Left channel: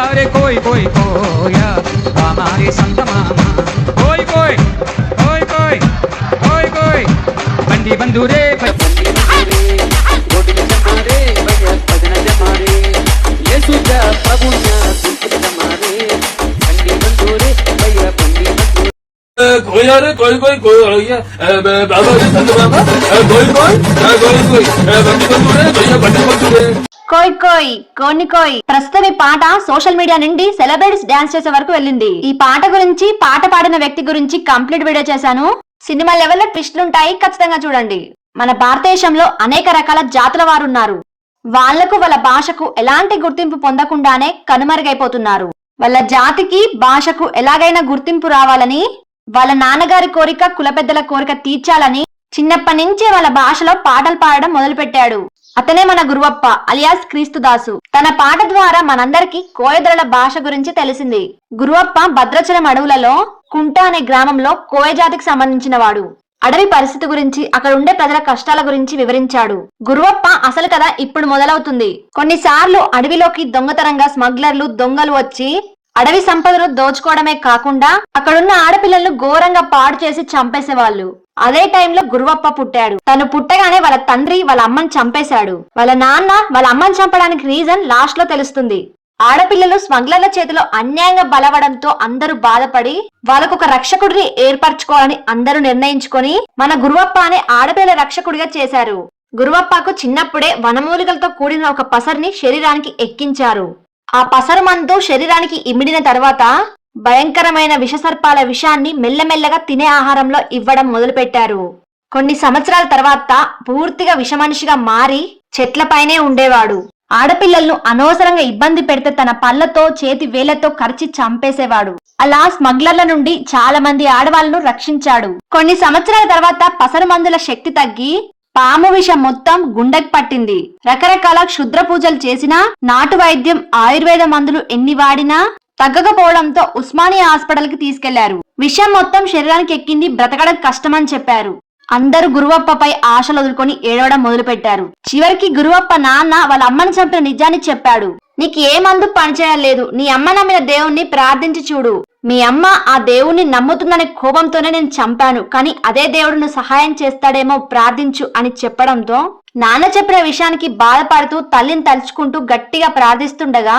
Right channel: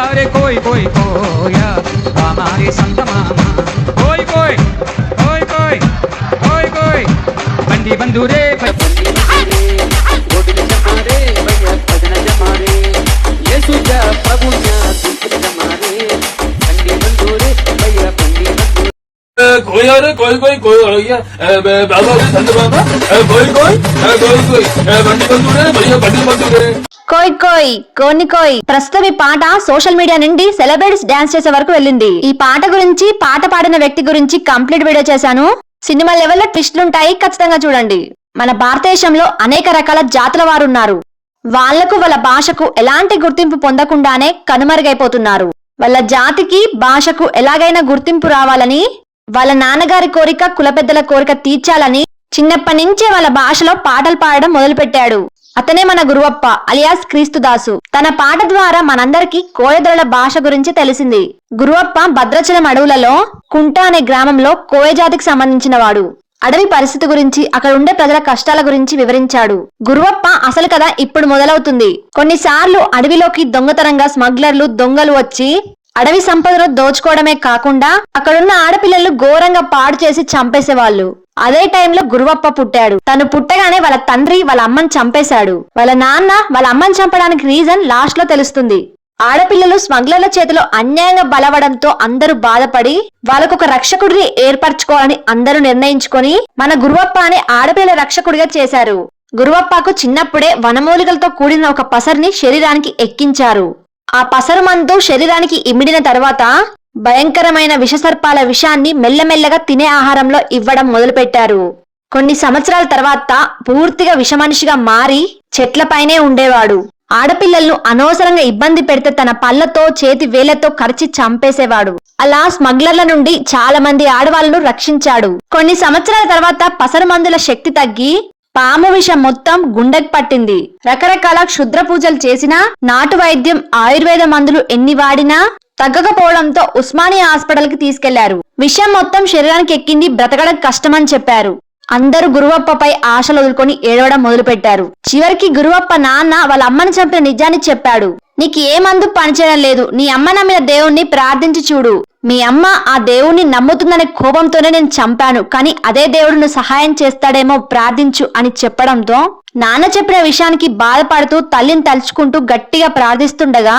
अरे कोई कोई कोया हमारे संत मामा। कोई कोई कोई कोई कोई कोई। बंदी बंधु रे कोई, अरे कोई कोई कोई बाबा संत बाबा कोई कोई कोई कोई बंदी बंधु रे, भैया बंदी बंधु रे। కోయ్ కోయ్ కోని కోయ్. ప్రస్తుతం ఈ పాట సోషల్ మీడియా నుండి సెలబ్రిటీస్ డాన్స్ చేసే వరకు వెళ్ళింది. ఈ పాట గురించి పాట పాడిన వ్యక్తి గురించి కంప్లీట్ వీడియో చేశాను. సినిమా లెవెల్లో ట్విస్టులు ఉంటాయి ఖచ్చితంగా చూడండి. మన భారతదేశంలో అనేక రకాల జాతుల వారు ఉన్నారు వాళ్ళకు వాళ్ళ భాషకు ఎలాంటి గుర్తింపు పొందకుండానే కనుమరుగైపోతున్నారు. వాళ్ళ జాతికి భాషకు ఎలాగైనా గుర్తింపు రావాలని వాళ్ళ నాన్నగారి కోరిక కులపెద్దల కోరిక తీర్చాలని చిన్నప్పటి నుంచే వాళ్ళ భాషలో పాటలు పాడడం మొదలుపెట్టాడు. అతనే మన గురువప్ప అలియాస్ క్రీస్తుదాసు. తన పాట ద్వారా మనందరికీ కోయదొరల భాష గురించి తెలిసింది. గురువప్ప భద్రాచలం అడవులలో కుంట అనే గ్రామంలో కోయ జాతికి సంబంధించిన వాడు అడవి పరిస్థితి గురించి అక్కడ ఉండే ప్రజల కష్టాల గురించి వివరించాడు. గురువప్ప అసలు కథ ఇప్పుడు మొదలవుతుంది. కొన్నిసార్లు అడవిలోకి దొంగతనంగా స్మగ్లర్లు దొంగలు వచ్చి అడవి సంపదను దోచుకోవడమే కాకుండా అక్కడున్న ఆడపిల్లలు ఘోరంగా పాడు చేసి చంపేసేవాళ్ళు. అదే టైంలో గురువప్ప పుట్టాడు. తను పుట్టగానే వాళ్ళ తండ్రి వాళ్ళ అమ్మని చంపేశాడు. వాళ్ళ నాన్న వాళ్ళ అమ్మని చంపడానికి రీజన్ లాస్ట్లో తెలుస్తుంది. ఆడపిల్లలు స్మగ్లర్ల చేతిలో అన్యాయంగా బలవడంతో అందరూ బాధపడి వాళ్ళకొక రక్షకుడిని ఏర్పరచుకోవాలని అందరూ నిర్ణయించుకొని మన గురువప్ప అనే ఆడపిల్ల రక్షకుడిగా చేశారు. గురువప్పకు చిన్నప్పుడే వనమూలికలతో కూడిన ఒక పసరిని శరీరానికి ఎక్కించారు. ఆ పసరు మందు శరీరానికి ఇమిడిన తర్వాత భయంకరమైన విషసర్పాల విషాన్ని మెల్లమెల్లగా తినే ఆహారంలో ఇవ్వడం మొదలుపెట్టారు. కొన్ని సంవత్సరాల తర్వాత పూర్తిగా విషమనిషిగా మారి చెట్లపైనే ఉండేవాడు. ఆడపిల్లలను అనవసరంగా ఇబ్బంది పెడితే తన పళ్ళతో చేతి వేళ్ళతో కరిచి చంపేసేవాడు. అలా స్మగ్లర్ల నుండి చాలా మంది ఆడవాళ్ళను రక్షించాడు. కొన్ని సంవత్సరాల తర్వాత పసరు మందుల శక్తి తగ్గి పాము విషం మొత్తం గుండెకి పట్టింది. రకరకాల క్షుద్ర పూజలు చేసినా నాటు వైద్యం ఆయుర్వేద మందులు ఎన్ని వాడినా తగ్గకపోవడంతో ఉస్మానియా హాస్పిటల్కి తీసుకెళ్ళారు. విషయం మొత్తం శరీరానికి ఎక్కింది బ్రతకడం కష్టమని చెప్పారు. అందరూ గురువప్పపై ఆశలు వదులుకొని ఏడవడం మొదలుపెట్టారు. చివరికి గురువప్ప నాన్న వాళ్ళ అమ్మని చంపిన నిజాన్ని చెప్పాడు. నీకు ఏ మందు పనిచేయడం లేదు. నీ అమ్మ నమ్మిన దేవుణ్ణి ప్రార్థించి చూడు. మీ అమ్మ ఆ దేవుణ్ణి నమ్ముతుందనే కోపంతోనే నేను చంపాను కానీ అదే దేవుడిని సహాయం చేస్తాడేమో ప్రార్థించు అని చెప్పడంతో నాన్న చెప్పిన విషయానికి బాధపడుతూ తల్లిని తలుచుకుంటూ గట్టిగా ప్రార్థిస్తుండగా